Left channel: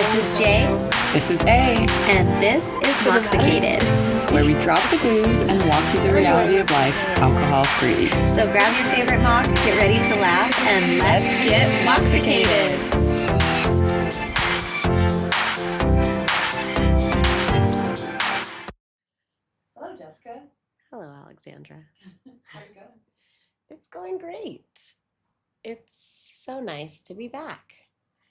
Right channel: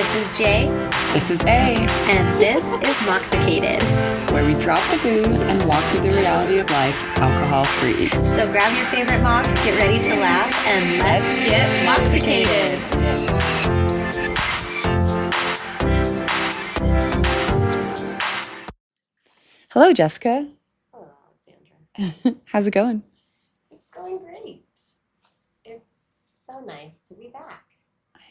This is Jay, This is A, and this is Moxicated. where we drop the booze and walk through the reality of life alcohol-free. So grab your favorite mock, get ready to laugh, and let's get Moxicated. Hello, Jessica. Hello, Alexandra. How's it going? It's going great. It's so nice to be back.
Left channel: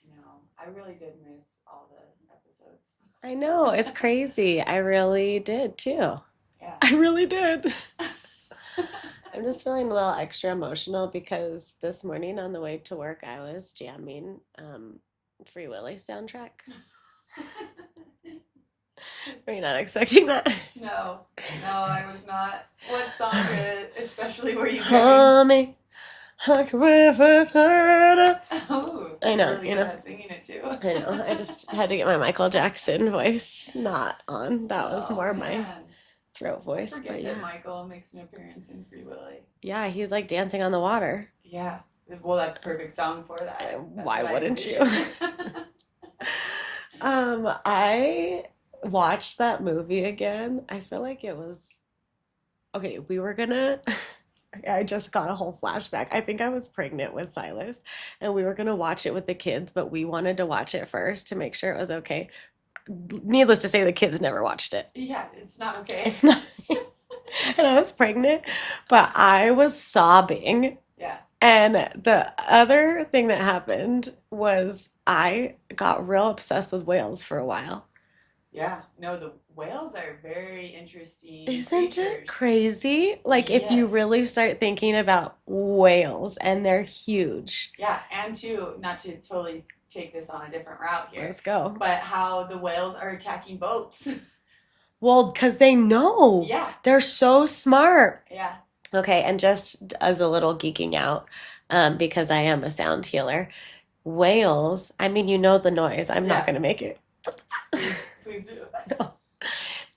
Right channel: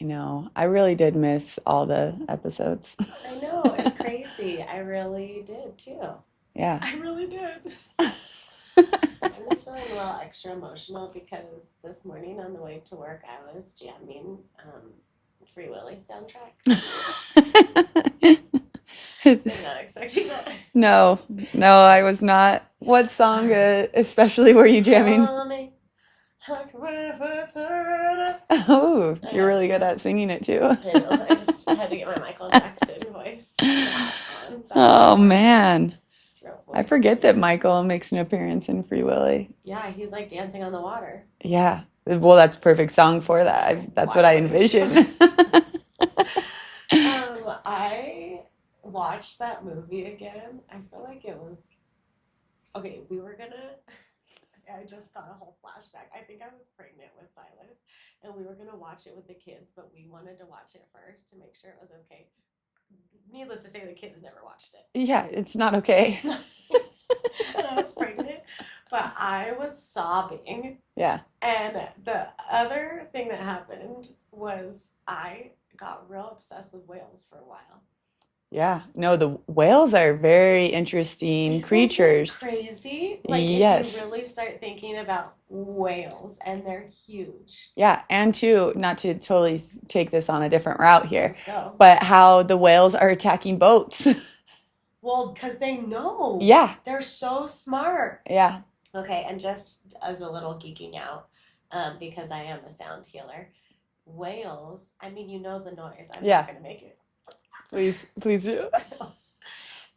I know. I really did miss all the episodes. I know, it's crazy. I really did too. Yeah. I really did. I'm just feeling a little extra emotional because this morning on the way to work, I was jamming Free Willy soundtrack. You're not expecting that? No, I was not. What song, especially were you jamming? Mommy, Oh, I you're know, really good yeah. at singing it too. I know, I just had to get my Michael Jackson voice not on. That Oh, was more my man. throat voice. I forget that yeah. Michael makes an appearance in Free Willy. Yeah, he's like dancing on the water. Yeah. Well, that's a perfect song for that. That's Why what I wouldn't you? envisioned. I watched that movie again. I feel like it was okay. I just got a whole flashback. I think I was pregnant with Silas, and we were gonna watch it with the kids, but we wanted to watch it first to make sure it was okay. Needless to say, the kids never watched it. Yeah, it's not okay. It's not, and I was pregnant, but I was sobbing. Yeah. And the other thing that happened was I got real obsessed with whales for a while. Yeah. No, the whales are very interesting Isn't creatures. that crazy? Like if you Yes. really start thinking about whales, and they're huge. Yeah, and too, not to totally take this on a different route here, Let's go. but how the whales are attacking boats. Well, because they know. Yeah. They're so smart. Yeah. Okay, and just as a little geeking out, because I am a sound healer, whales, I mean, you know the noise. I'm Yeah. not going to make it. Please do.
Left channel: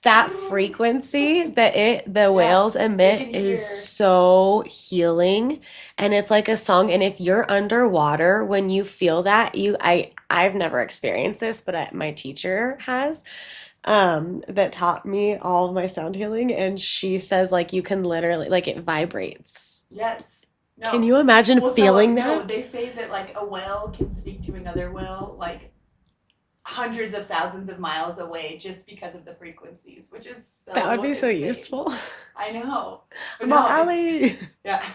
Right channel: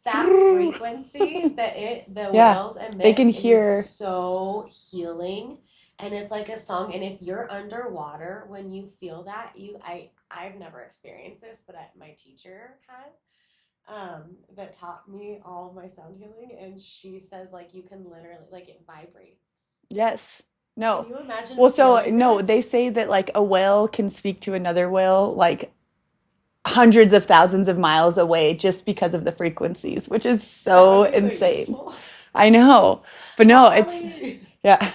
That frequency that the Yeah, whales emit can hear. is so healing, and it's like a song. And if you're underwater, when you feel that, I've never experienced this, but my teacher has, that taught me all of my sound healing, and she says like you can literally like it vibrates. Yes. No. Can you imagine Well, so feeling no, that? they say that like a whale can speak to another whale like hundreds of thousands of miles away just because of the frequencies, which is That so would be so insane. useful. I know. But no, it's Molly. yeah.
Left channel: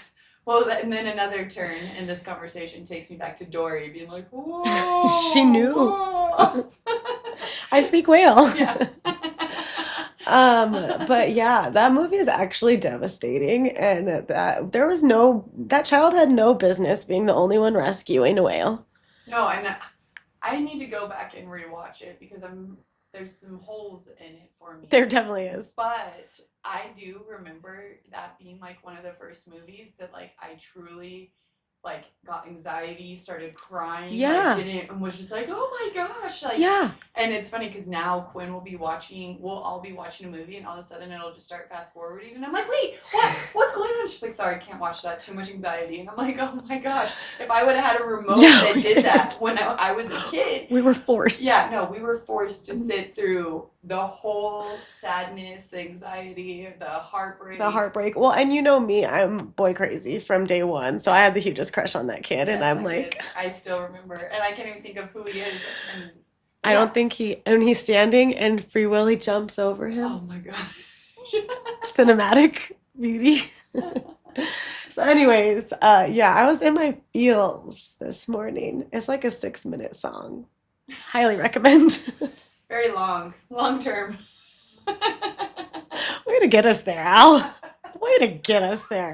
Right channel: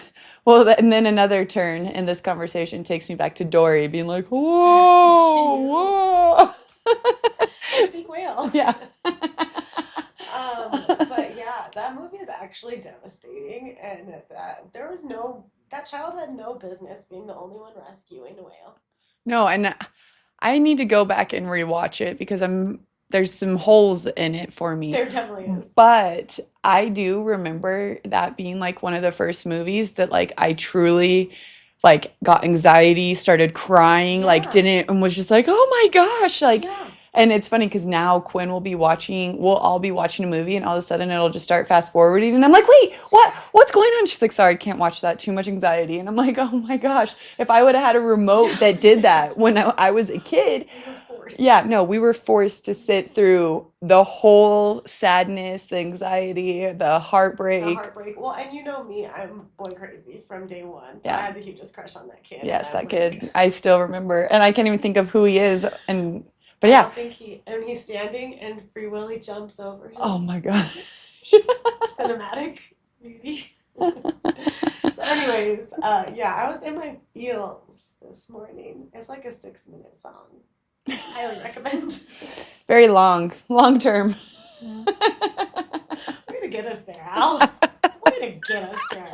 Well, and then another turn in this conversation takes me back to Dory being like, whoa, She knew. whoa." I speak whale. Yeah. But yeah, that movie is actually devastating, and that child had no business being the only one rescuing a whale. No, and I need to go back and rewatch it because there's some holes in it for me. There definitely is. But I do remember that being like one of the first movies that like I truly like got anxiety, started crying, like Yeah. didn't and was just like, "Oh my gosh." Like Yeah. and it's funny because now Quinn we'll all be watching a movie and all of a sudden it'll just start fast forwarding and I'm like, wait, what's going on? She's like, sorry, I can't watch that. Too much anxiety. And I'm like, oh my gosh. If I would have had a remote Yeah, that we did did. that when I was a kid, We were forced. yeah, no, we were forced to sit through the whole sadness, the anxiety, the heartbreak. The heartbreak. Well, and you know me, I'm boy crazy from day one. So I Yeah. had the hugest crush on that kid. Yes, And I'm that like, kid. I still remember. And I can't even think of who he is. But I yeah. don't think and he's standing and Free Willy jumps over him. Oh my gosh. Cinematic beauty. So anyways, yeah, I was in my feels this morning. It's like a 6-minute song. Highly recommend. Very long term. Way to get us there, Al. Way to get us there.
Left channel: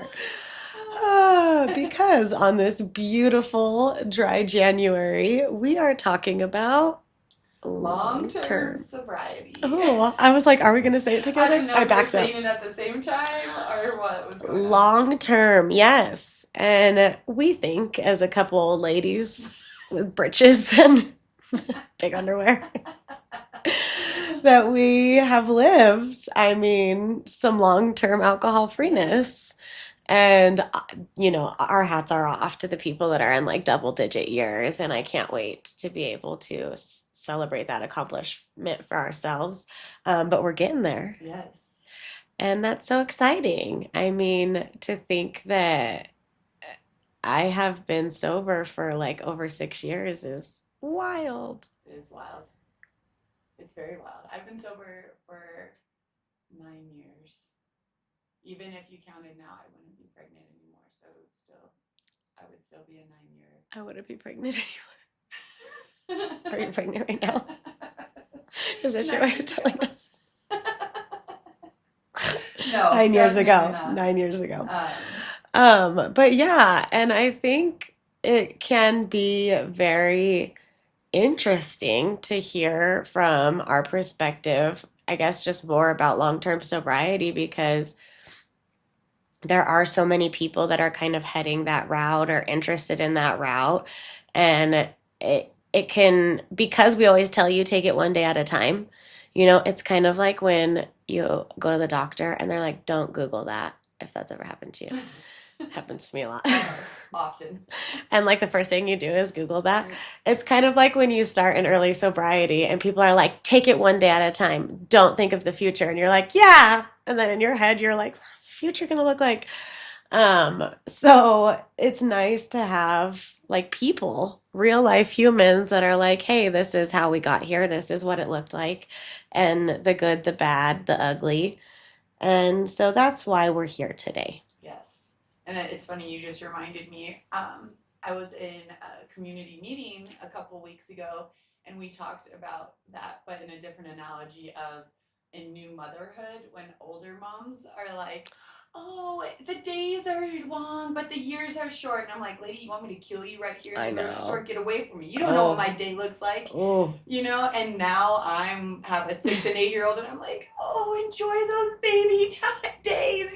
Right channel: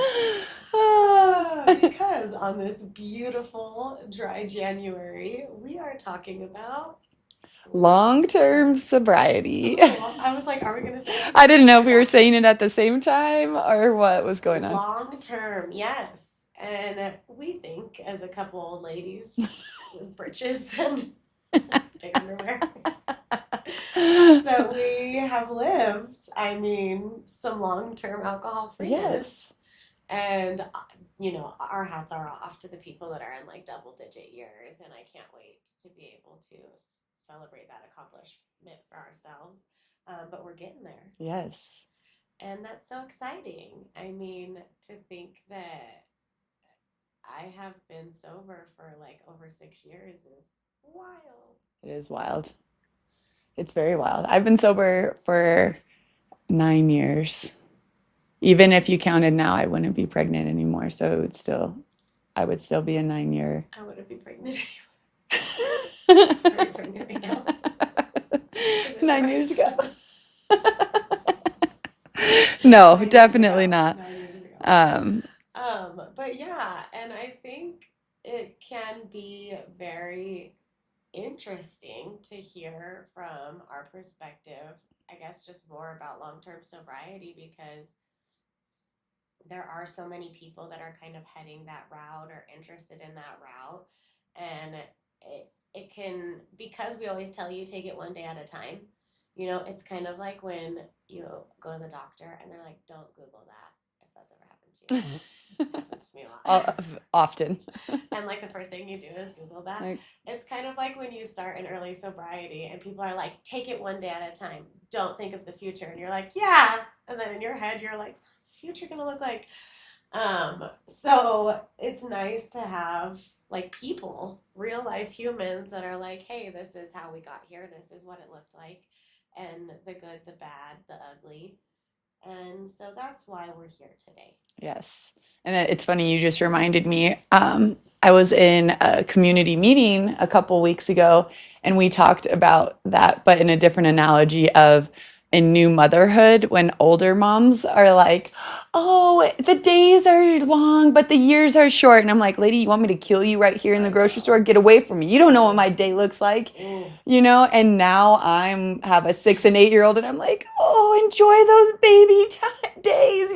Because on this beautiful dry January, we are talking about Long-term sobriety. Ooh, I was like, are we going to say it together? I didn't know if we were backed up. saying it at the same time or what was going on. Long term, yes. And we think, as a couple ladies with britches and big underwear, that we have lived, I mean, some long term alcohol freeness. And, our hats are off to the people that are in like double digit years. And I can't wait to be able to celebrate that accomplishment for ourselves. But we're getting there. Yes. And that's so exciting. I mean, to think that I have been sober for like over 6 years is wild. It is wild. It's very wild. I've been sober for 9 years. Even if you counted now, I wouldn't be pregnant anymore. So I would still be a 9 year. I wouldn't be pregnant anymore. Are you pregnant right now? Is this Nine why years you're telling ago. us? No, 9 years definitely ago. not. 9 years ago. Um, But yeah, and I think it can be very interesting to hear from our perspective, I guess just more about long-term sobriety because there are so many people that are kind of heading that route or interested in that route. And it can, because we always tell you take it one day at a time, it's kind of like when you go to the doctor and they're like, don't Google that if that's ever happened to you. Happens to me a lot. Often. And like the first thing you do is Google that. Right. It's kind of like when you start in early sobriety and people are like, take it one day at a time. Don't think of the future. And you're like, yeah. And then in your head, you're like, what's the future going to look like? So it's nice to have like people, real life humans that are like, hey, this is how we got here. This is what it looked like. And the good, the bad, the ugly. And so that's why we're here today. Yes. And it's funny, you just reminded me. I was in a community meeting a couple weeks ago, and we talked about that, but in a different analogy of in new motherhood when older moms are like, oh, the days are long, but the years are short. And I'm like, lady, you want me to kill you right here in the I grocery know. store? Get away from me. You don't know what Oh. my day looks like. Oh. And now have a 6 and 8 year old and I'm like, oh, enjoy those baby days.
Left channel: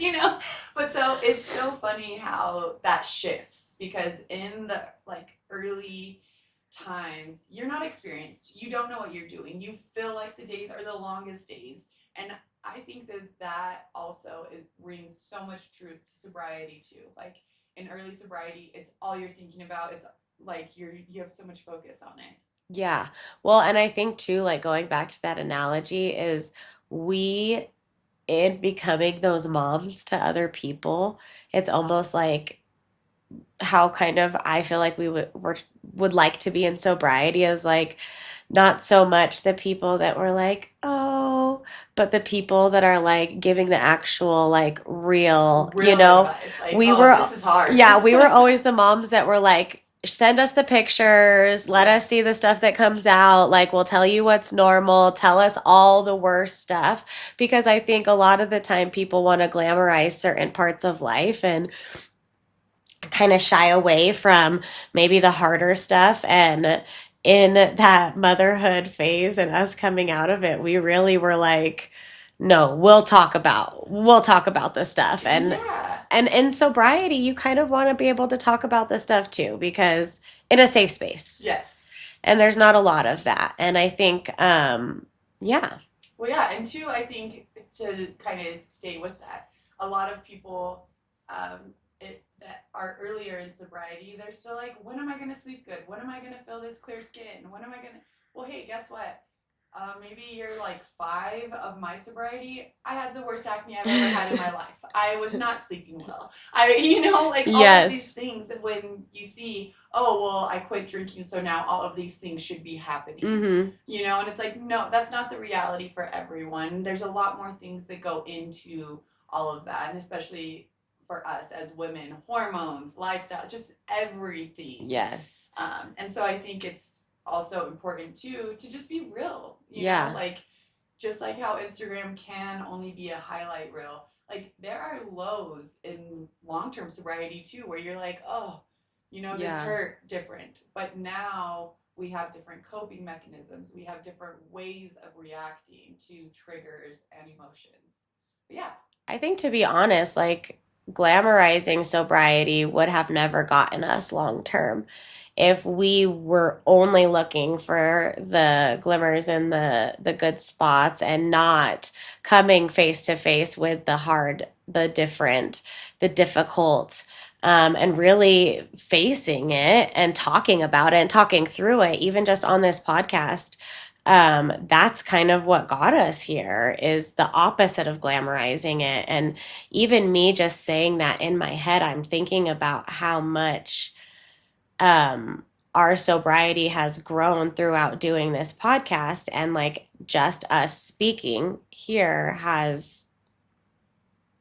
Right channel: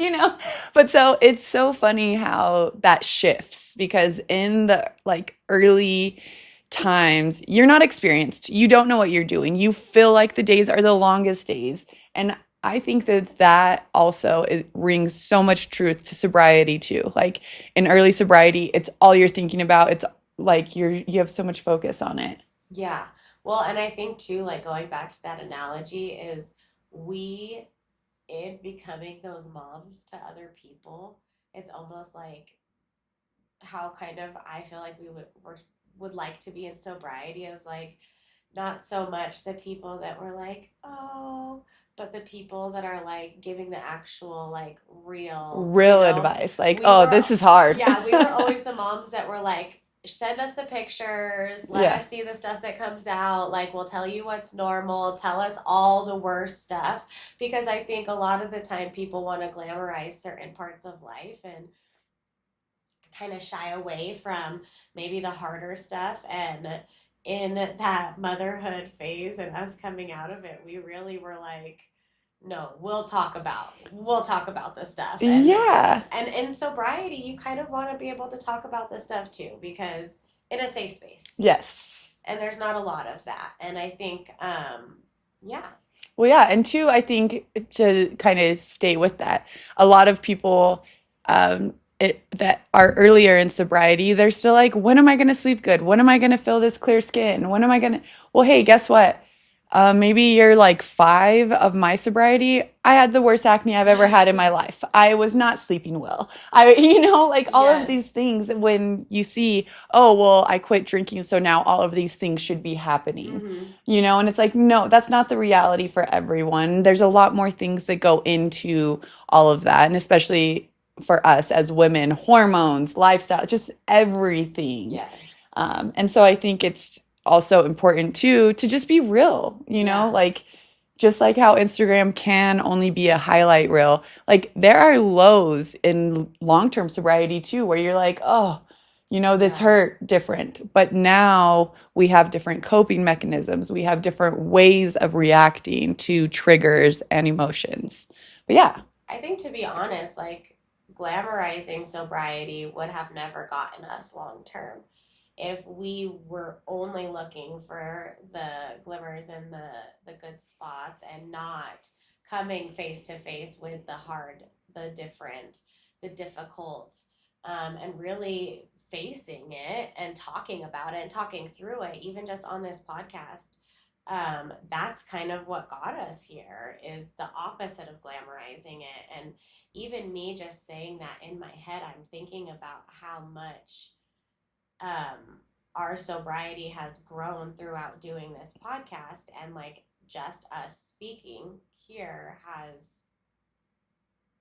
But so it's so funny how that shifts because in the like early times, you're not experienced. You don't know what you're doing. You feel like the days are the longest days. And I think that also rings so much truth to sobriety too. Like in early sobriety, it's all you're thinking about. It's like you have so much focus on it. Yeah. Well, and I think too, like going back to that analogy, is we, in becoming those moms to other people, it's almost like how kind of I feel like would like to be in sobriety is like not so much the people that were like, oh, but the people that are like giving the actual like real advice. Like, we oh, were this is hard. yeah, we were always the moms that were like, send us the pictures, let Yeah. us see the stuff that comes out, like we'll tell you what's normal, tell us all the worst stuff, because I think a lot of the time people want to glamorize certain parts of life and kind of shy away from maybe the harder stuff. And in that motherhood phase and us coming out of it, we really were like, no, we'll talk about this stuff. And Yeah. and in sobriety, you kind of want to be able to talk about this stuff too, because in a safe space. Yes. And there's not a lot of that. And I think yeah. Well, yeah, and two, I think to kind of stay with that, a lot of people that are earlier in sobriety, they're still like, when am I going to sleep good? When am I going to feel this clear skin? When am I going to? Well, hey, guess what? Maybe you're like 5 of my sobriety. I had the worst acne I've ever had in my life. I was not sleeping well. Like all of these Yes. things when you see, oh, well, I quit drinking, so now all of these things should be happening. Mm-hmm. And it's like, no, that's not the reality for everyone. There's a lot more things that go into all of that, and especially for us as women, hormones, lifestyle, just everything. Yes. And so I think it's also important too to just be real, Yeah. like just like how Instagram can only be a highlight reel. Like there are lows in long-term sobriety too, where you're like, oh, this Yeah. hurt different. But now we have different coping mechanisms. We have different ways of reacting to triggers and emotions. But yeah. I think to be honest, like glamorizing sobriety would have never gotten us long term if we were only looking for the glimmers and the good spots and not coming face to face with the difficult, and really facing it and talking about it and talking through it, even just on this podcast. That's kind of what got us here, is the opposite of glamorizing it. And even me just saying that in my head, I'm thinking about how much um, our sobriety has grown throughout doing this podcast. And like just us speaking here has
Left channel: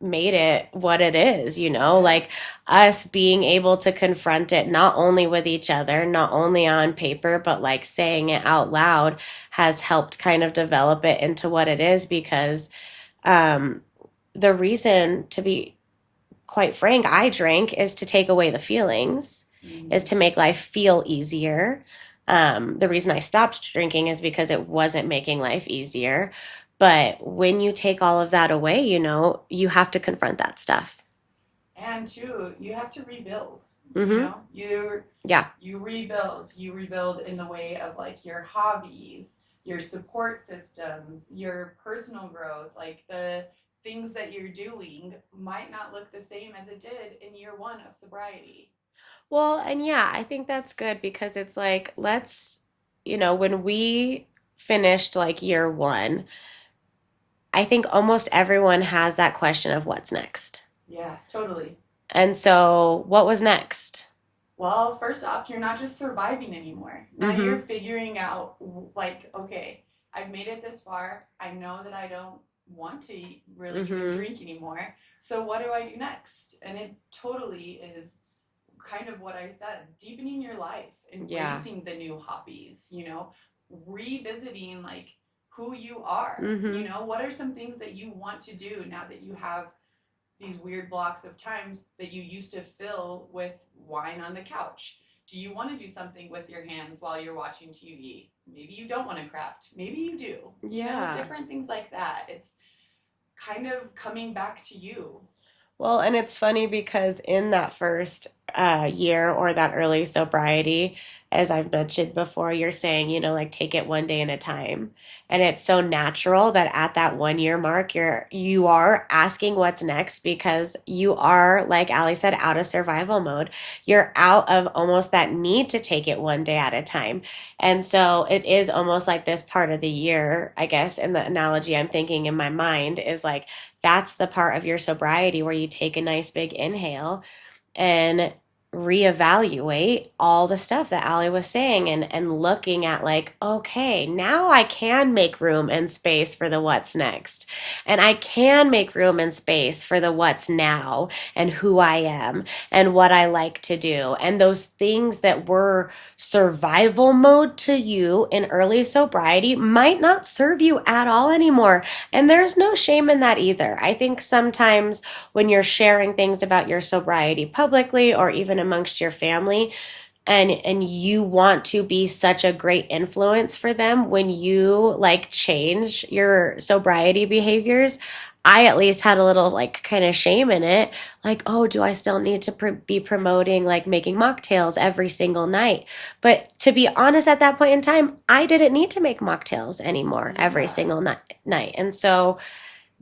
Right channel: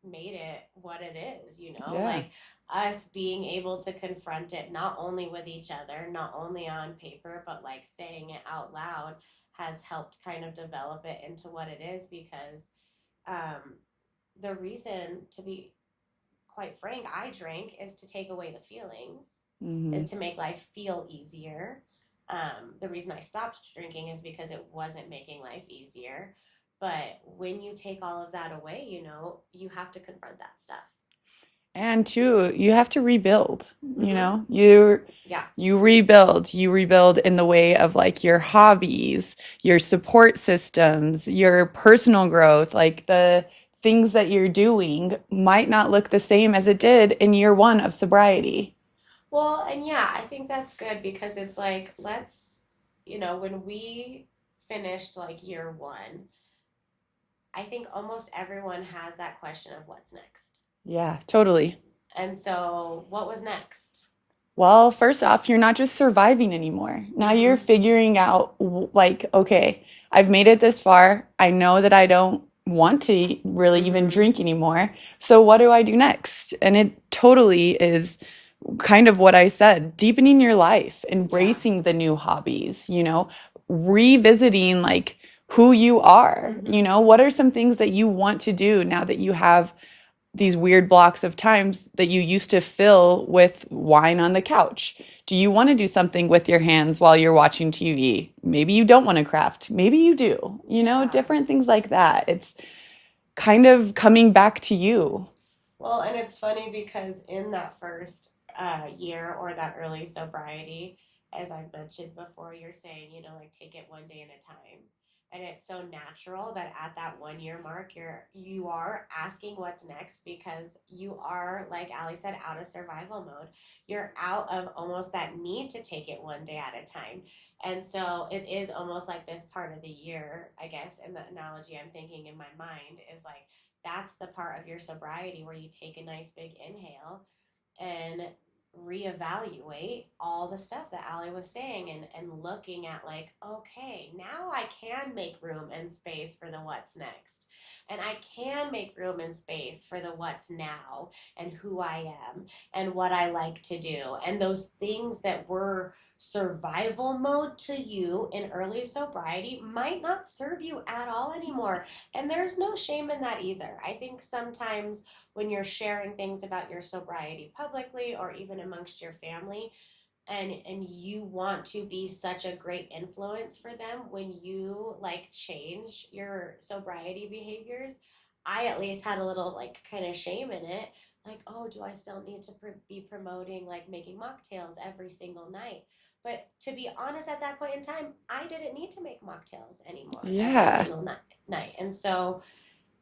made it what it is, Yeah. like us being able to confront it not only with each other, not only on paper, but like saying it out loud has helped kind of develop it into what it is. Because um, the reason, to be quite frank, I drink is to take away the feelings, is Hmm. to make life feel easier. The reason I stopped drinking is because it wasn't making life easier. But when you take all of that away, you have to confront that stuff. And two, you have to rebuild, Mm-hmm. Yeah. you rebuild in the way of like your hobbies, your support systems, your personal growth, like the things that you're doing might not look the same as it did in year one of sobriety. Well, and yeah, I think that's good because it's like, when we finished like year one, I think almost everyone has that question of what's next. Yeah, totally. And so, what was next? Well, first off, you're not just surviving anymore. Now you're Mm-hmm. figuring out, like, okay, I've made it this far. I know that I don't want to really even Mm-hmm. drink anymore. So what do I do next? And it totally is kind of what I said, deepening your life, Yeah. embracing the new hobbies, revisiting like who you are. Mm-hmm. What are some things that you want to do now that you have these weird blocks of times that you used to fill with wine on the couch? Do you want to do something with your hands while you're watching TV? Maybe you don't want to craft. Maybe you do. Yeah. Different things like that. It's kind of coming back to you. Well, and it's funny because in that first year or that early sobriety, as I've mentioned before, you're saying, like take it one day at a time. And it's so natural that at that 1 year mark, you are asking what's next because you are, like Ali said, out of survival mode. You're out of almost that need to take it one day at a time. And so it is almost like this part of the year, I guess, in the analogy I'm thinking in my mind is like that's the part of your sobriety where you take a nice big inhale and reevaluate all the stuff that Ali was saying, and looking at like, okay, now I can make room and space for the what's next. And I can make room and space for the what's now and who I am and what I like to do. And those things that were survival mode to you in early sobriety might not serve you at all anymore. And there's no shame in that either. I think sometimes when you're sharing things about your sobriety publicly or even amongst your family, and you want to be such a great influence for them when you like change your sobriety behaviors, I at least had a little like kind of shame in it, like, oh, do I still need to be promoting like making mocktails every single night? But to be honest, at that point in time, I didn't need to make mocktails anymore every Yeah. single night. And so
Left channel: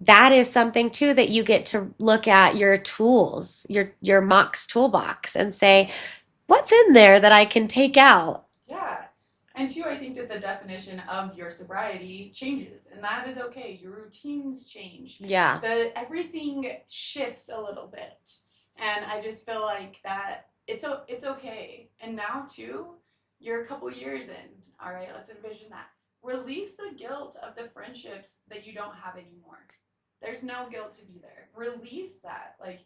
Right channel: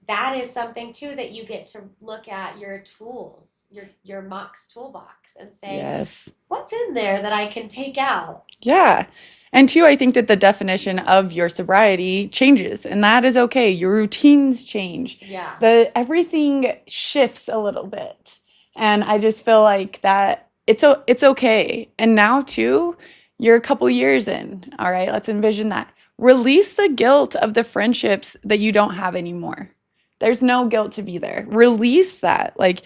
that is something too that you get to look at your tools, your Mox toolbox, and say, Yes. what's in there that I can take out? Yeah. And two, I think that the definition of your sobriety changes, and that is okay. Your routines change. Yeah. Everything shifts a little bit. And I just feel like that it's okay. And now too, you're a couple years in. All right, let's envision that. Release the guilt of the friendships that you don't have anymore. There's no guilt to be there. Release that. Like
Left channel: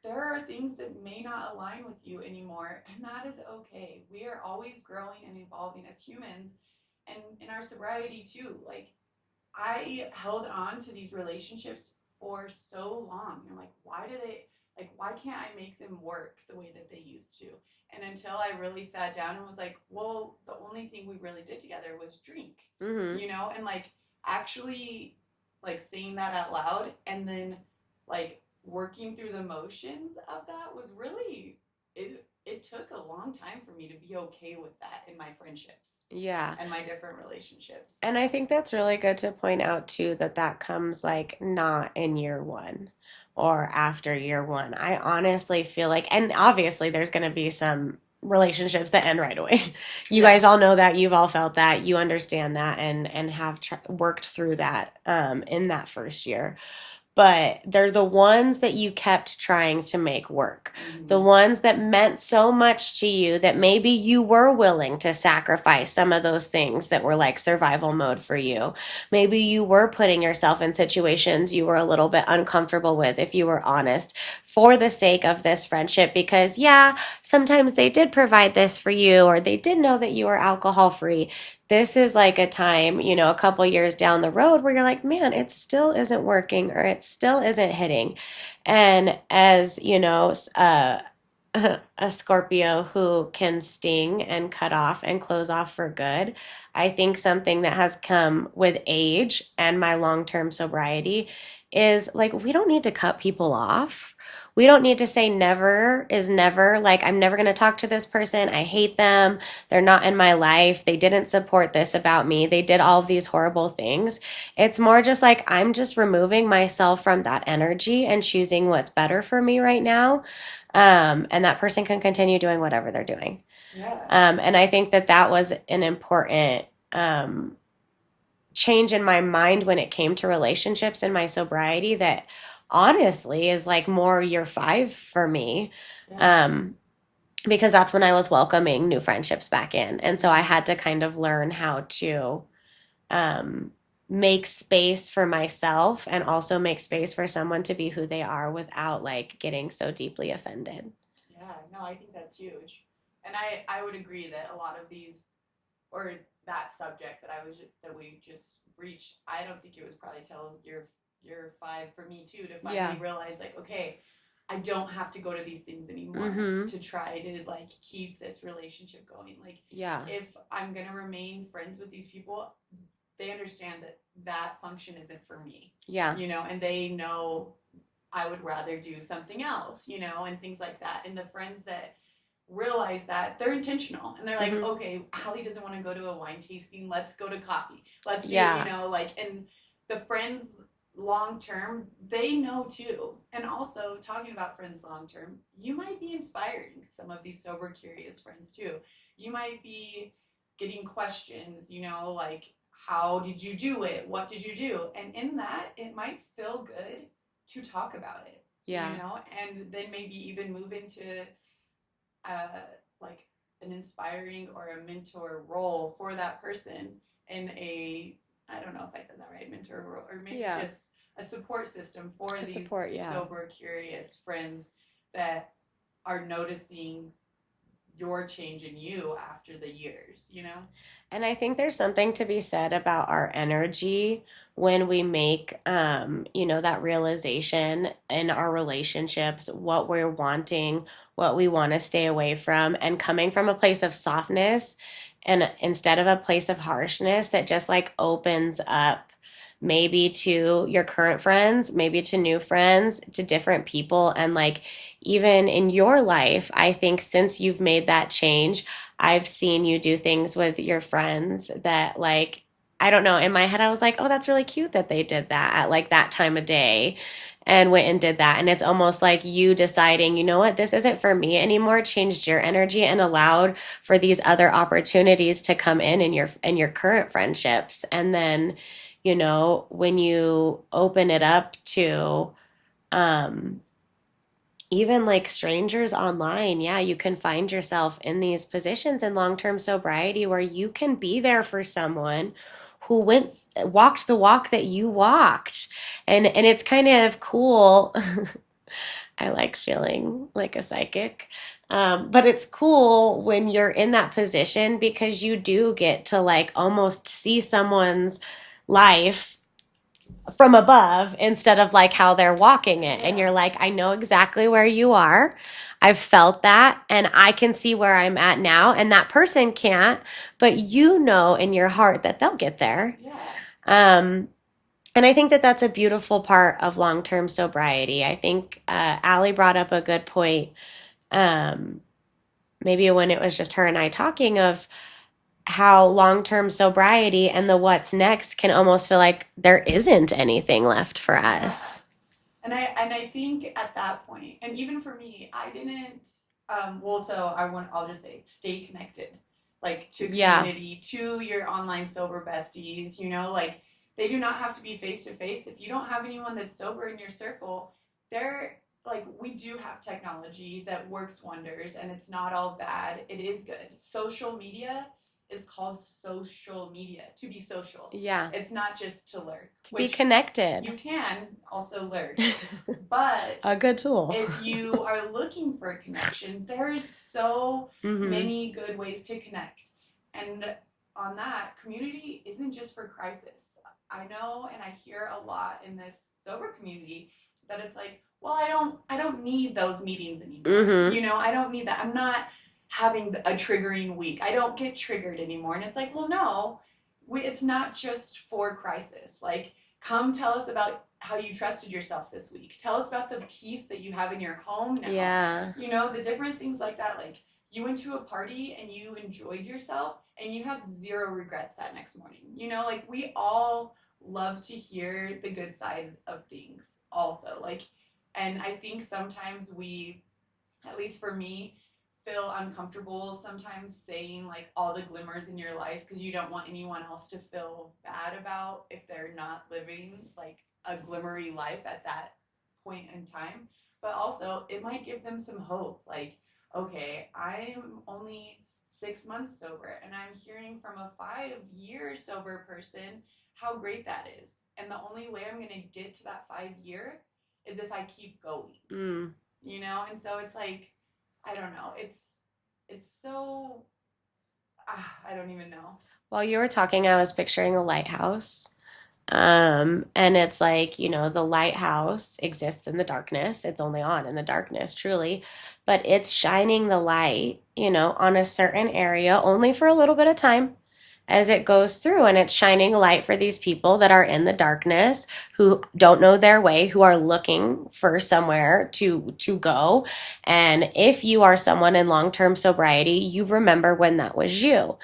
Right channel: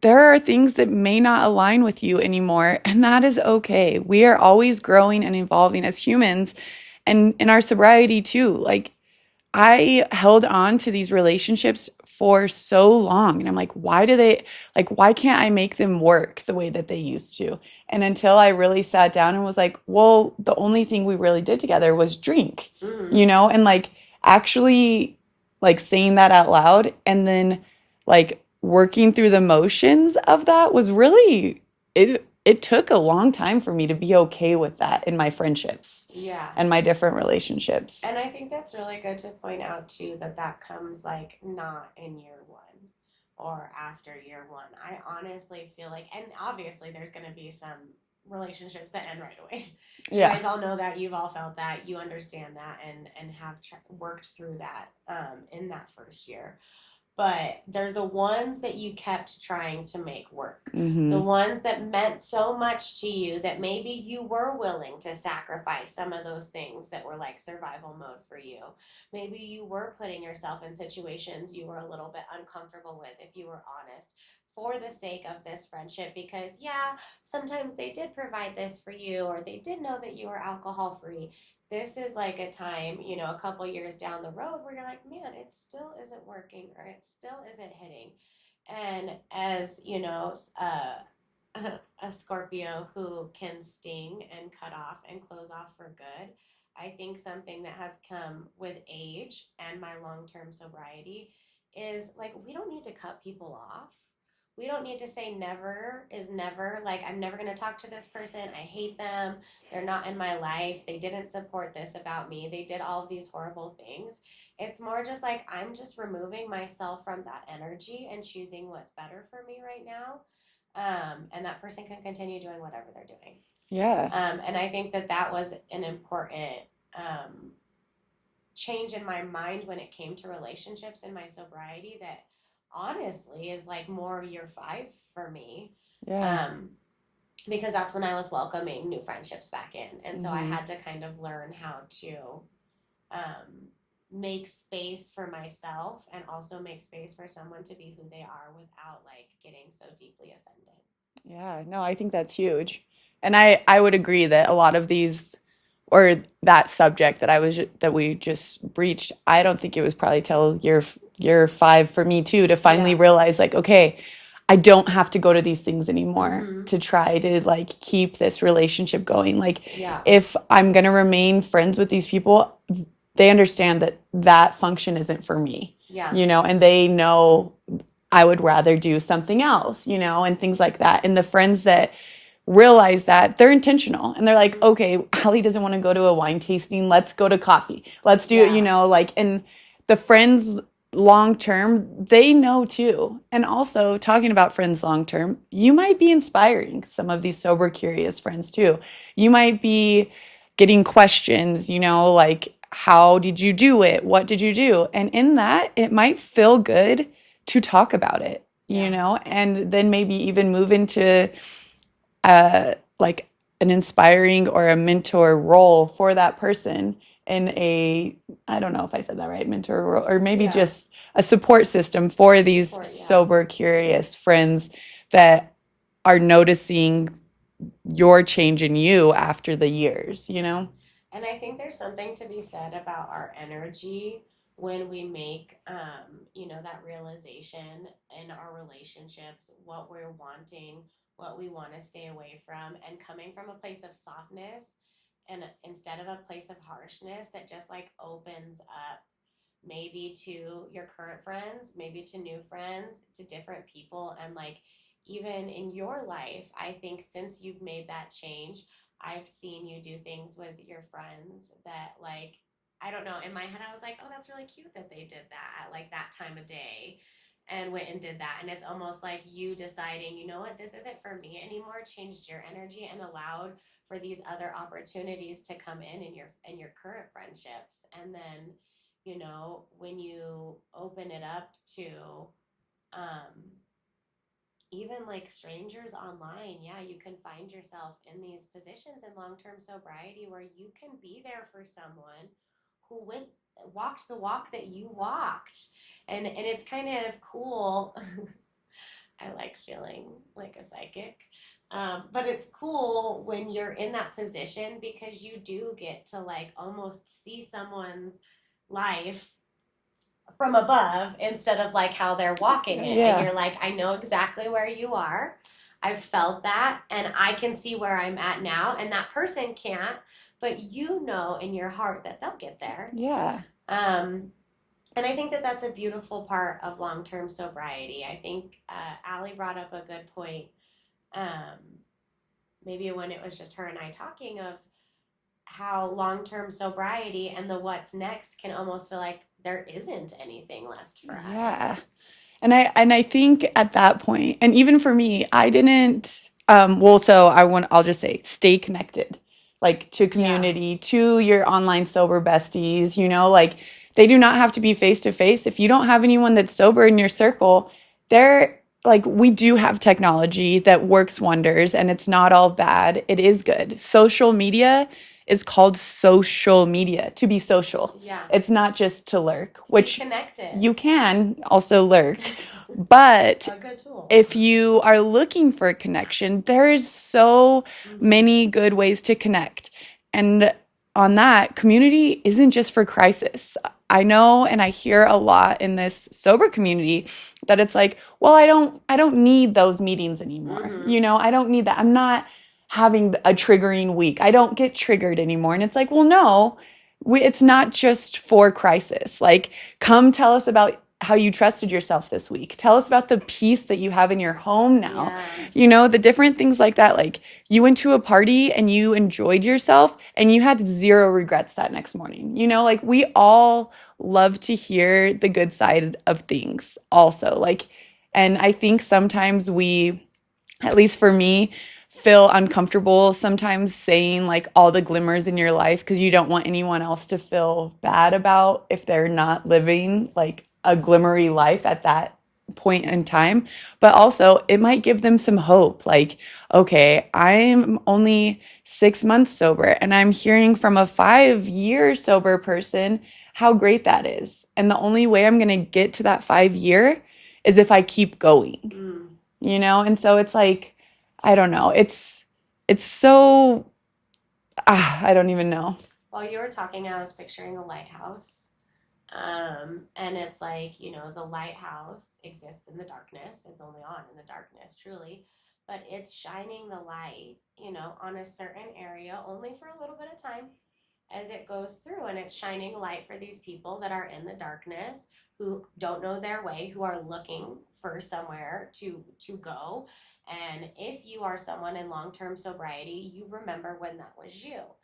there are things that may not align with you anymore, and that is okay. We are always growing and evolving as humans, and in our sobriety too. Like, I held on to these relationships for so long, and I'm like, why can't I make them work the way that they used to? And until I really sat down and was like, well, the only thing we really did together was drink, Mm-hmm. and like actually like saying that out loud and then like working through the motions of that was really it took a long time for me to be okay with that in my friendships Yeah. and my different relationships. And I think that's really good to point out too, that that comes like not in year one. or after year one. I honestly feel like, and obviously there's going to be some relationships that end right away. You Yeah. guys all know that, you've all felt that, you understand that, and have worked through that in that first year, but they're the ones that you kept trying to make work. The Mm-hmm. ones that meant so much to you that maybe you were willing to sacrifice some of those things that were like survival mode for you. Maybe you were putting yourself in situations you were a little bit uncomfortable with, if you were honest, for the sake of this friendship, because, yeah, sometimes they did provide this for you, or they did know that you were alcohol free. This is like a time, a couple years down the road where you're like, man, it still isn't working, or it still isn't hitting. And as, a Scorpio who can sting and cut off and close off for good, I think something that has come with age and my long term sobriety is like, we don't need to cut people off. We don't need to say never is never. Like, I'm never going to talk to this person. I hate them. They're not in my life. They didn't support this about me. They did all of these horrible things. It's more just like, I'm just removing myself from that energy and choosing what's better for me right now. And that person can continue doing whatever they're doing. Yeah. And I think that that was an important um, change in my mind when it came to relationships and my sobriety, that honestly is like more year five for me. Yeah. Um, because that's when I was welcoming new friendships back in. And so I Mm-hmm. had to kind of learn how to um, make space for myself and also make space for someone to be who they are without like getting so deeply offended. Yeah, no, I think that's huge. And I would agree that a lot of these or that subject that we just breached, I don't think it was probably till year 5 for me too to finally Yeah. realize like, okay, I don't have to go to these things anymore Mm-hmm. to try to like keep this relationship going. Like Yeah. if I'm going to remain friends with these people, they understand that that function isn't for me. Yeah. And they know I would rather do something else, and things like that. And the friends that realize that, they're intentional and they're like, Mm-hmm. okay, Allie doesn't want to go to a wine tasting. Let's go to coffee. Let's do it, Yeah. like, and the friends long term, they know too. And also, talking about friends long term, you might be inspiring some of these sober, curious friends too. You might be getting questions, like, how did you do it? What did you do? And in that, it might feel good to talk about it, Yeah. and then maybe even move into like an inspiring or a mentor role for that person in a, I don't know if I said that right, mentor role, or maybe Yeah. just a support system for these Support. Yeah. sober, curious friends that are noticing your change in you after the years. And I think there's something to be said about our energy when we make, that realization in our relationships, what we're wanting, what we want to stay away from, and coming from a place of softness and instead of a place of harshness that just like opens up maybe to your current friends, maybe to new friends, to different people. And like, even in your life, I think since you've made that change, I've seen you do things with your friends that like, I don't know, in my head I was like, "Oh, that's really cute that they did that at like that time of day." And went and did that. And it's almost like you deciding, you know what, this isn't for me anymore, changed your energy and allowed for these other opportunities to come in your current friendships. And then, when you open it up to um even like strangers online, yeah, you can find yourself in these positions in long-term sobriety where you can be there for someone who walked the walk that you walked. And it's kind of cool. I like feeling like a psychic. But it's cool when you're in that position because you do get to like almost see someone's life from above instead of like how they're walking it. And Yeah. you're like, I know exactly where you are. I've felt that and I can see where I'm at now. And that person can't, but you know in your heart that they'll get there. Yeah. Um, and I think that that's a beautiful part of long term sobriety. I think Allie brought up a good point. Um, Maybe when it was just her and I talking of how long term sobriety and the what's next can almost feel like there isn't anything left for Yeah. us. And I think at that point, and even for me, I didn't well, so I'll just say stay connected. Like to Yeah. community, to your online sober besties, like they do not have to be face to face. If you don't have anyone that's sober in your circle, they're like we do have technology that works wonders and it's not all bad. It is good. Social media is called social media to be social. Yeah. It's not just to lurk, To be which connected. you can also lurk. But A good tool. if you are looking for a connection, there is so Mm-hmm. many good ways to connect. And on that, community isn't just for crisis. I know and I hear a lot in this sober community that it's like, well, I don't need those meetings anymore. Mm-hmm. I don't need that. I'm not having a triggering week. I don't get triggered anymore. And it's like, well, no, it's not just for crisis. Like, come tell us about how you trusted yourself this week. Tell us about the peace that you have in your home now. Yeah. The different things like that. Like, you went to a party and you enjoyed yourself and you had zero regrets that next morning. Like, we all love to hear the good side of things also. Like, and I think sometimes we, at least for me, feel uncomfortable sometimes saying like all the glimmers in your life because you don't want anyone else to feel bad about if they're not living like a glimmery life at that point in time. But also, it might give them some hope. Like, okay, I'm only 6 months sober and I'm hearing from a 5-year sober person how great that is. And the only way I'm going to get to that 5 year is if I keep going, Mm. And so it's like, I don't know. It's so I don't even know. While you were talking, I was picturing a lighthouse. And it's like, the lighthouse exists in the darkness. It's only on in the darkness, truly. But it's shining the light, on a certain area only for a little bit of time as it goes through. And it's shining light for these people that are in the darkness, who don't know their way, who are looking for somewhere to go. And if you are someone in long-term sobriety, you remember when that was you.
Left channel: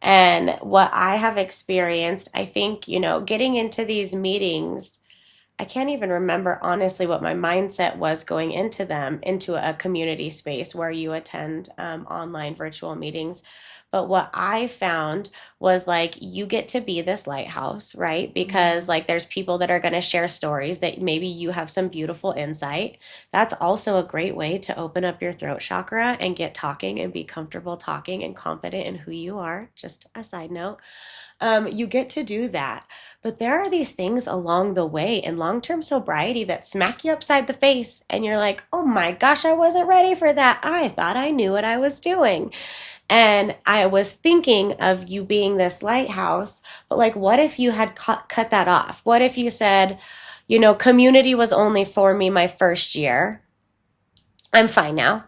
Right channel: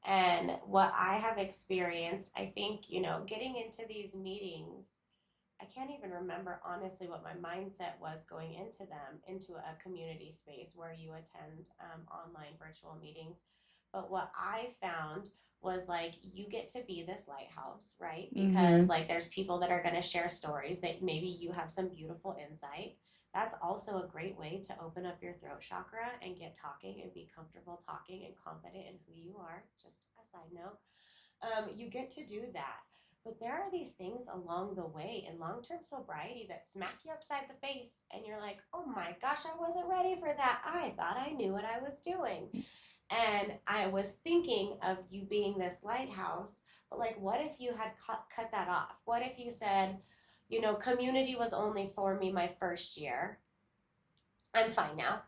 And what I have experienced, I think, getting into these meetings, I can't even remember honestly what my mindset was going into them, into a community space where you attend online virtual meetings. But what I found was like you get to be this lighthouse, right? Because Mhm. like there's people that are going to share stories that maybe you have some beautiful insight. That's also a great way to open up your throat chakra and get talking and be comfortable talking and confident in who you are. Just a side note. You get to do that. But there are these things along the way in long term sobriety that smack you upside the face, and you're like, oh my gosh, I wasn't ready for that. I thought I knew what I was doing. And I was thinking of you being this lighthouse, but like, what if you had cut that off? What if you said, community was only for me my first year? I'm fine now.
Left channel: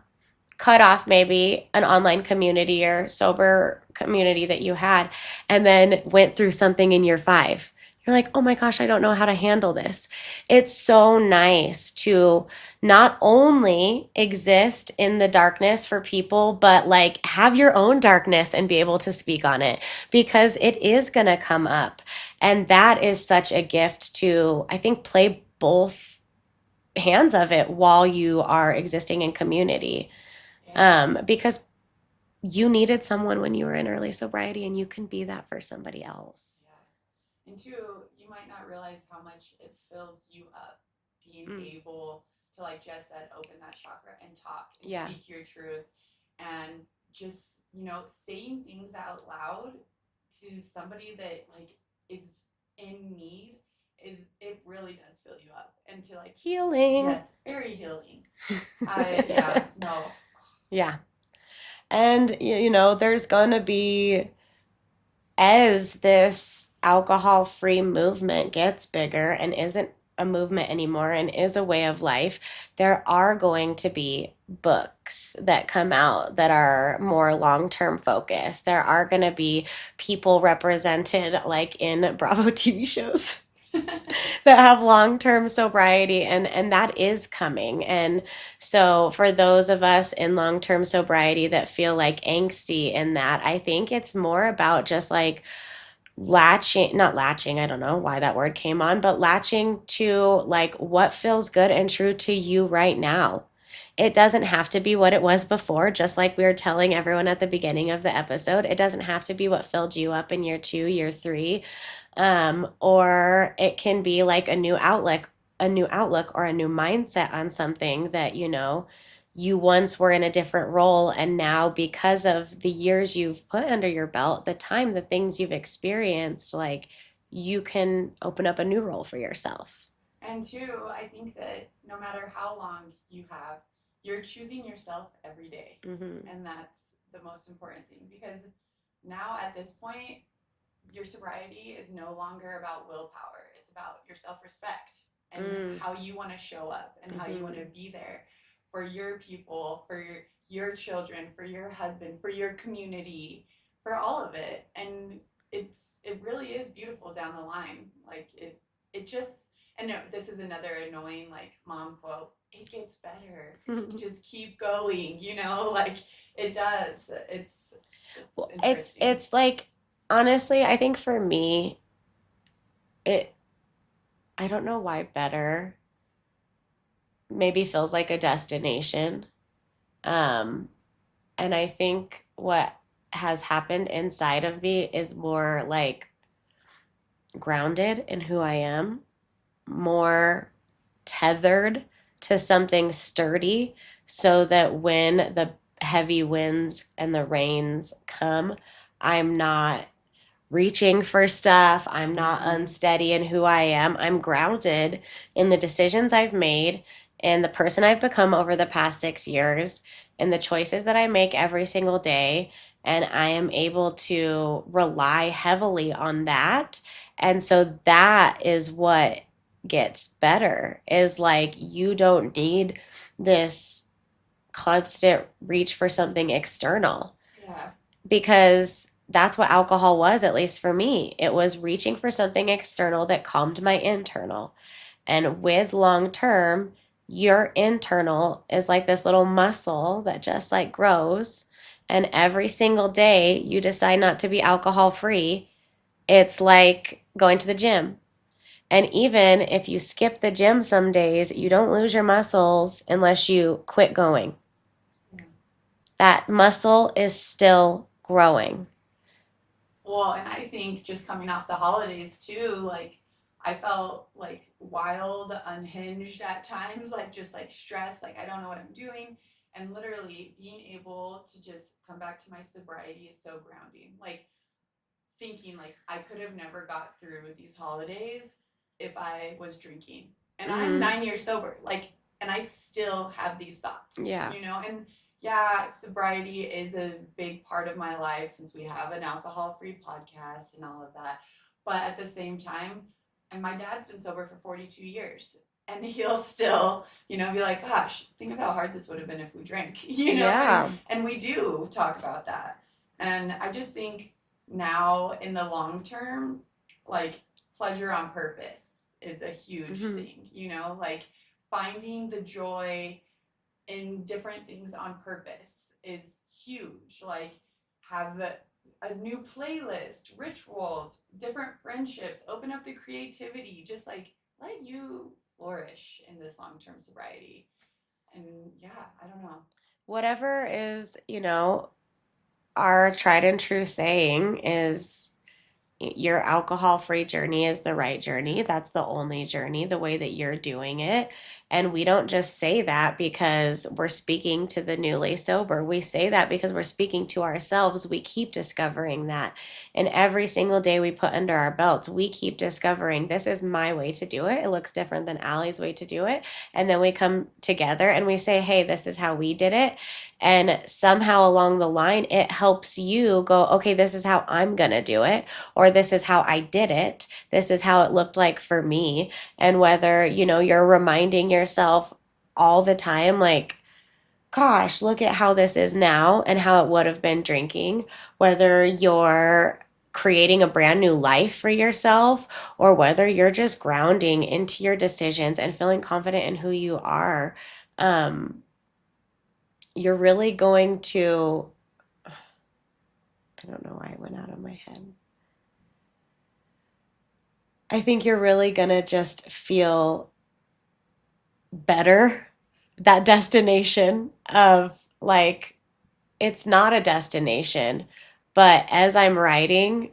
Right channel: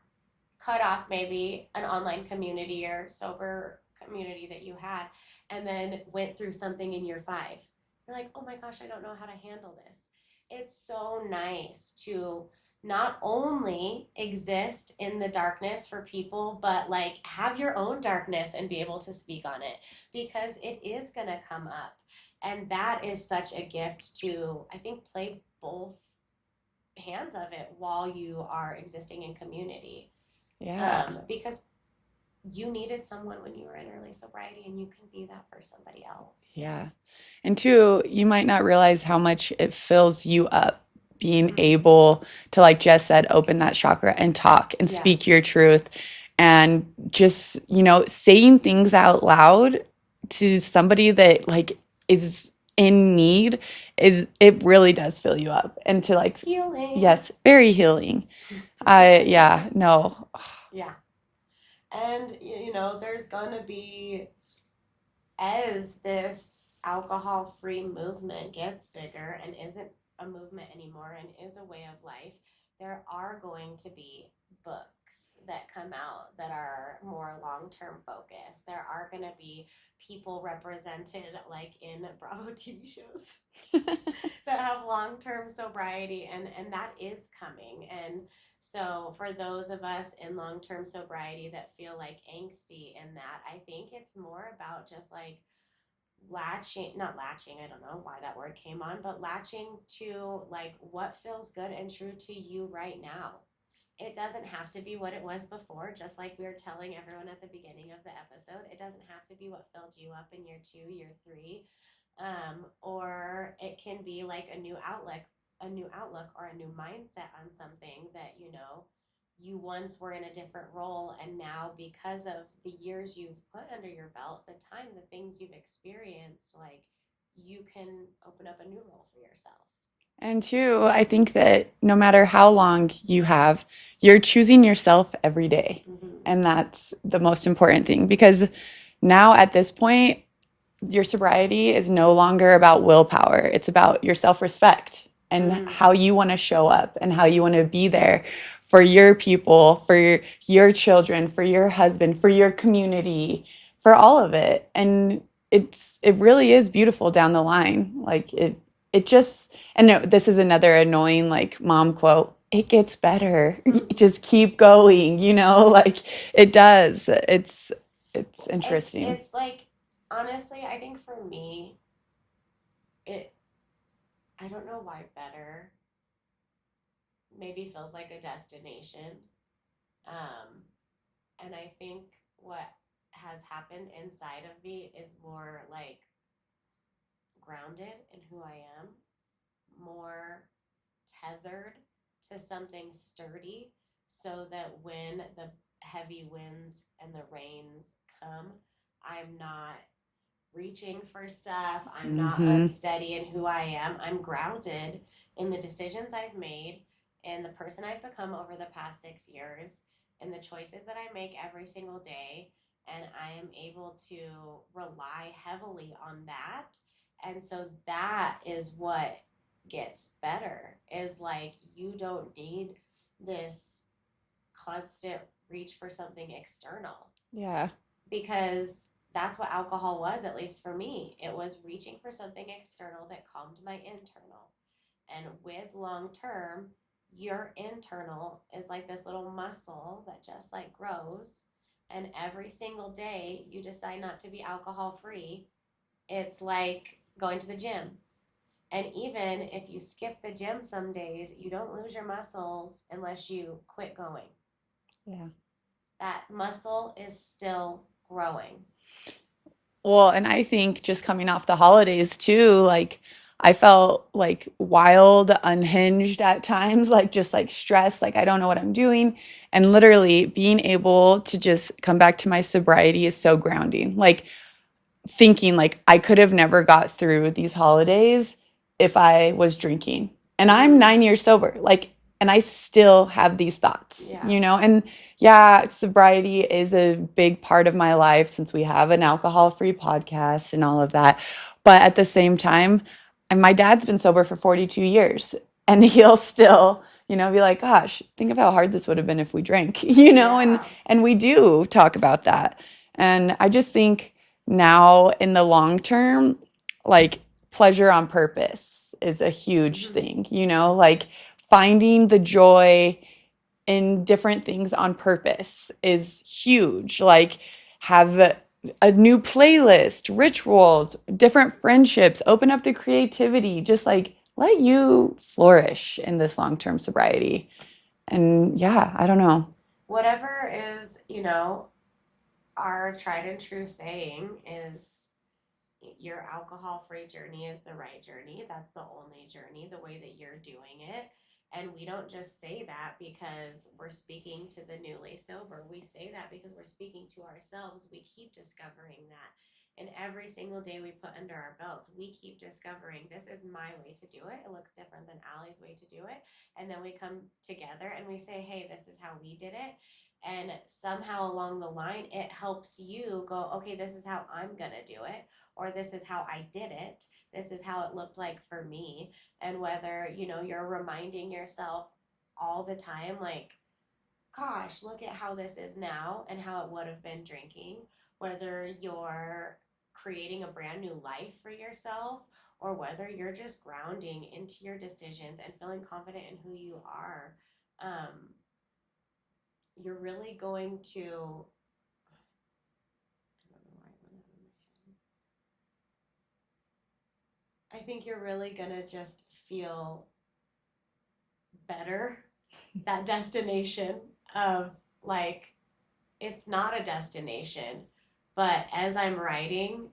Cut off maybe an online community or sober community that you had, and then went through something in year 5. You're like, oh my gosh, I don't know how to handle this. It's so nice to not only exist in the darkness for people, but like have your own darkness and be able to speak on it, because it is going to come up. And that is such a gift to, I think, play both hands of it while you are existing in community, Yeah. because you needed someone when you were in early sobriety, and you can be that for somebody else. Yeah. And two, you might not realize how much it fills you up being able to, like Jess said, open that chakra and talk and Yeah. speak your truth and just, saying things out loud to somebody that like is in need it really does fill you up and to like Healing. yes, very healing. I yeah, no. Yeah. And, there's going to be, as this alcohol free movement gets bigger and isn't a movement anymore and is a way of life, there are going to be books that come out that are more long term focused. There are going to be people represented like in Bravo TV shows that have long-term sobriety, and that is coming. And so for those of us in long-term sobriety that feel like angsty in that, I think it's more about just like latching, not latching, I don't know why that word came on, but latching to like what feels good and true to you right now. It doesn't have to be what it was before, just like we were telling everyone at the beginning of the episode. It doesn't have to be what filled you up in year 2, year 3. Or it can be like a new outlook or a new mindset on something that, you once were in a different role, and now because of the years you've put under your belt, the time, the things you've experienced, like you can open up a new role for yourself. And two, I think that no matter how long you have, you're choosing yourself every day. Mm-hmm. And that's the most important thing because now at this point, your sobriety is no longer about willpower. It's about your self-respect and Mm. how you want to show up and how you want to be there for your people, for your children, for your husband, for your community, for all of it. And it really is beautiful down the line. Like it just and no, this is another annoying like mom quote. It gets better. Just keep going, like it does. It's Well, it's interesting. it's like, honestly, I think for me, it I don't know why better maybe feels like a destination. Um, and I think what has happened inside of me is more like grounded in who I am, more tethered to something sturdy, so that when the heavy winds and the rains come, I'm not reaching for stuff. I'm not Hmm. unsteady in who I am. I'm grounded in the decisions I've made and the person I've become over the past 6 years and the choices that I make every single day. And I am able to rely heavily on that. And so that is what gets better, is like you don't need this constant reach for something external, Yeah. because that's what alcohol was, at least for me. It was reaching for something external that calmed my internal. And with long term, your internal is like this little muscle that just like grows. And every single day you decide not to be alcohol free, it's like going to the gym. And even if you skip the gym some days, you don't lose your muscles unless you quit going. Yeah. That muscle is still growing. Well, and I think just coming off the holidays too, like I felt like wild, unhinged at times, like just like stressed, like I don't know what I'm doing. And literally being able to just come back to my sobriety is so grounding. Like thinking like I could have never got through these holidays if I was drinking. And I'm Mm-hmm. 9 years sober. Like, and I still have these thoughts, Yeah. And yeah, sobriety is a big part of my life since we have an alcohol-free podcast and all of that. But at the same time, and my dad's been sober for 42 years and he'll still be like, gosh, think of how hard this would have been if we drank, and Yeah. and we do talk about that. And I just think now in the long term, like pleasure on purpose is a huge Mm-hmm. thing, like finding the joy in different things on purpose is huge. Like have a new playlist, rituals, different friendships, open up the creativity, just like let you flourish in this long-term sobriety. And yeah, I don't know. Whatever is, our tried and true saying is, your alcohol free journey is the right journey. That's the only journey, the way that you're doing it. And we don't just say that because we're speaking to the newly sober. We say that because we're speaking to ourselves. We keep discovering that. And every single day we put under our belts, we keep discovering this is my way to do it. It looks different than Allie's way to do it. And then we come together and we say, hey, this is how we did it. And somehow along the line, it helps you go, okay, this is how I'm going to do it, or this is how I did it. This is how it looked like for me. And whether, you're reminding yourself all the time, like, gosh, look at how this is now and how it would have been drinking, whether you're creating a brand new life for yourself, or whether you're just grounding into your decisions and feeling confident in who you are, um, you're really going to, I don't know why it went out of my head. I think you're really gonna just feel better. That destination of like, it's not a destination, but as I'm riding,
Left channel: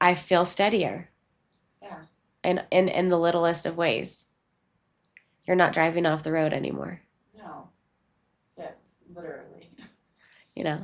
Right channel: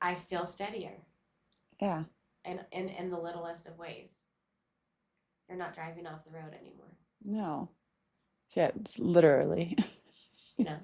I feel steadier Yeah. in the littlest of ways. You're not driving off the road anymore, No. Yeah, literally. you know.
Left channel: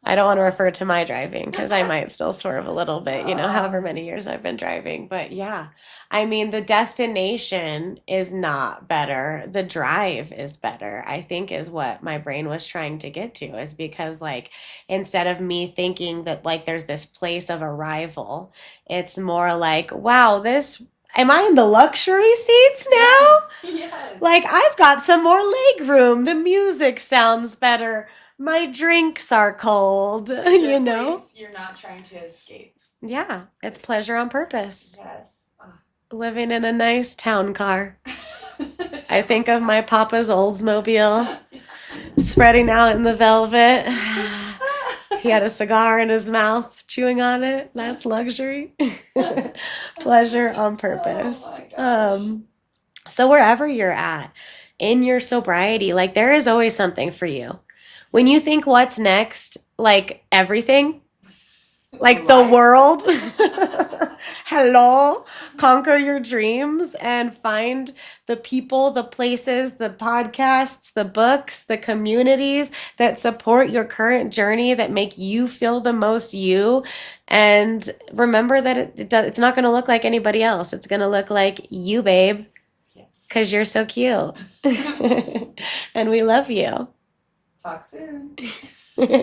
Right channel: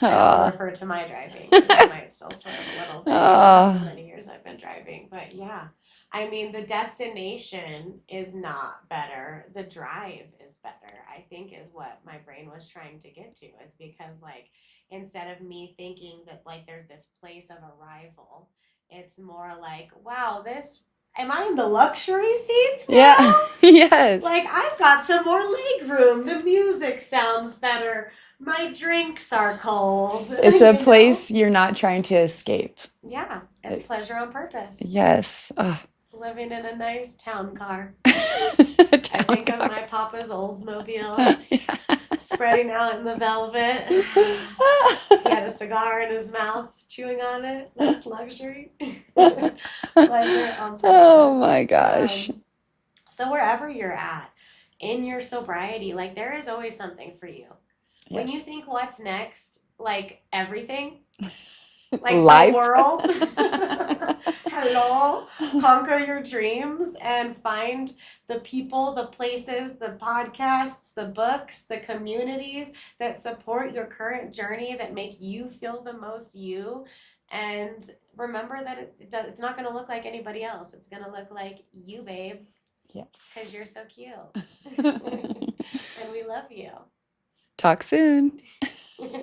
I don't want to Uh, refer to my driving because I might still swerve a little bit, however uh, many years I've been driving. But yeah, I mean, the destination is not better. The drive is better, I think, is what my brain was trying to get to, is because, like, instead of me thinking that, like, there's this place of arrival, it's more like, wow, am I in the luxury seats now? yeah. Yes. Like, I've got some more leg room. The music sounds better. My drinks are cold, It's a you know? place you're not trying to escape. Yeah, it's pleasure on purpose. Yes. Ugh. Living in a nice town car. I Town think of car. my papa's Oldsmobile Yeah. spreading out in the velvet. He had a cigar in his mouth, chewing on it. That's luxury. Pleasure on Oh purpose. my gosh. So wherever you're at in your sobriety, like there is always something for you. When Yes. you think what's next, like everything, like the Life. world, hello, conquer your dreams and find the people, the places, the podcasts, the books, the communities that support your current journey, that make you feel the most you. And remember that it's not going to look like anybody else. It's going to look like you, babe, Yes. because you're so cute. And we love you. Talk soon.